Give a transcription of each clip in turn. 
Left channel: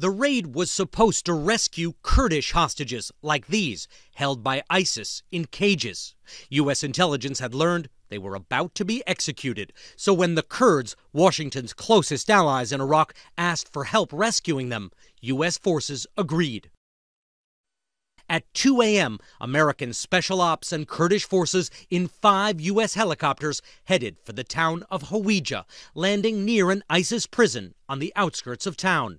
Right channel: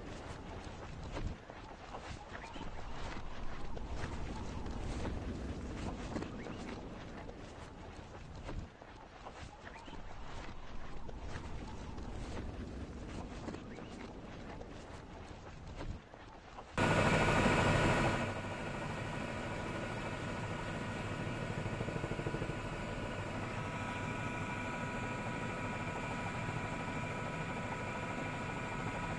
The raid was supposed to rescue Kurdish hostages like these, held by ISIS in cages. U.S. intelligence had learned they were about to be executed. So when the Kurds, Washington's closest allies in Iraq, asked for help rescuing them, U.S. forces agreed. At 2 a.m., American special ops and Kurdish forces in 5 U.S. helicopters headed for the town of Hawija, landing near an ISIS prison on the outskirts of town.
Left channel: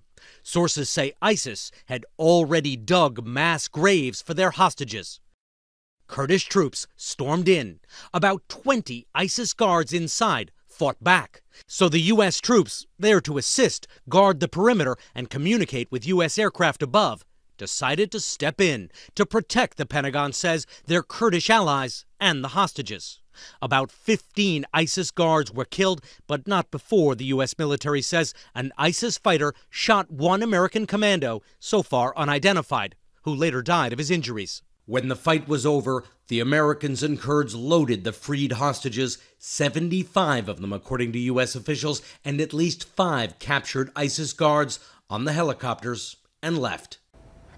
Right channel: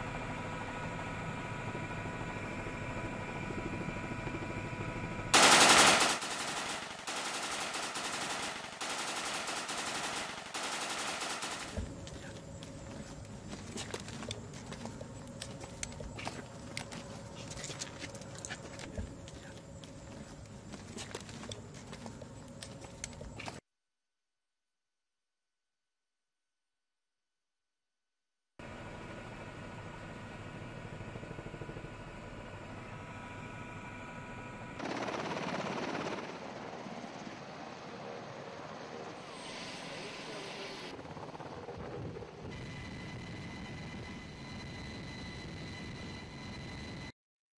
Sources say ISIS had already dug mass graves for their hostages. Kurdish troops stormed in. About 20 ISIS guards inside fought back. So the U.S. troops, there to assist, guard the perimeter, and communicate with U.S. aircraft above, decided to step in to protect, the Pentagon says, their Kurdish allies and the hostages. About 15 ISIS guards were killed, but not before, the U.S. military says, an ISIS fighter shot one American commando, so far unidentified, who later died of his injuries. When the fight was over, the Americans and Kurds loaded the freed hostages, 75 of them according to U.S. officials, and at least 5 captured ISIS guards on the helicopters and left.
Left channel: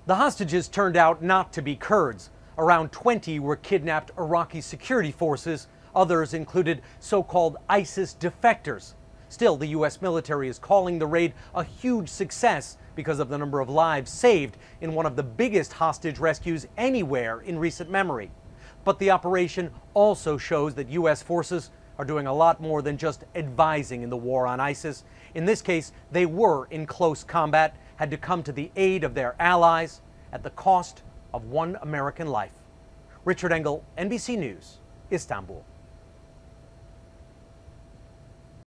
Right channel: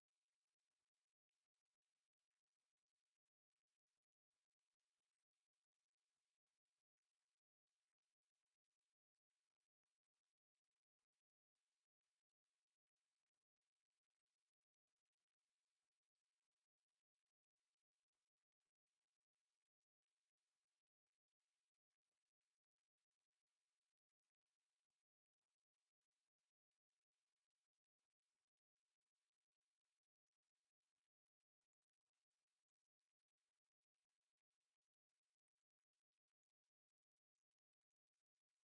The hostages turned out not to be Kurds. Around 20 were kidnapped Iraqi security forces. Others included so-called ISIS defectors. Still, the U.S. military is calling the raid a huge success because of the number of lives saved in one of the biggest hostage rescues anywhere in recent memory. But the operation also shows that U.S. forces are doing a lot more than just advising in the war on ISIS. In this case, they were in close combat, had to come to the aid of their allies at the cost of one American life. Richard Engel, NBC News, Istanbul.